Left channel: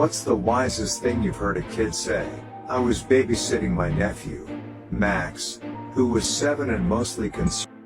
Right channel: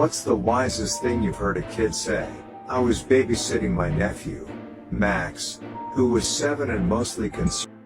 What's the wisest thing you've heard a kid say? I was babysitting my nephew, Max, who was 7 and mostly concerned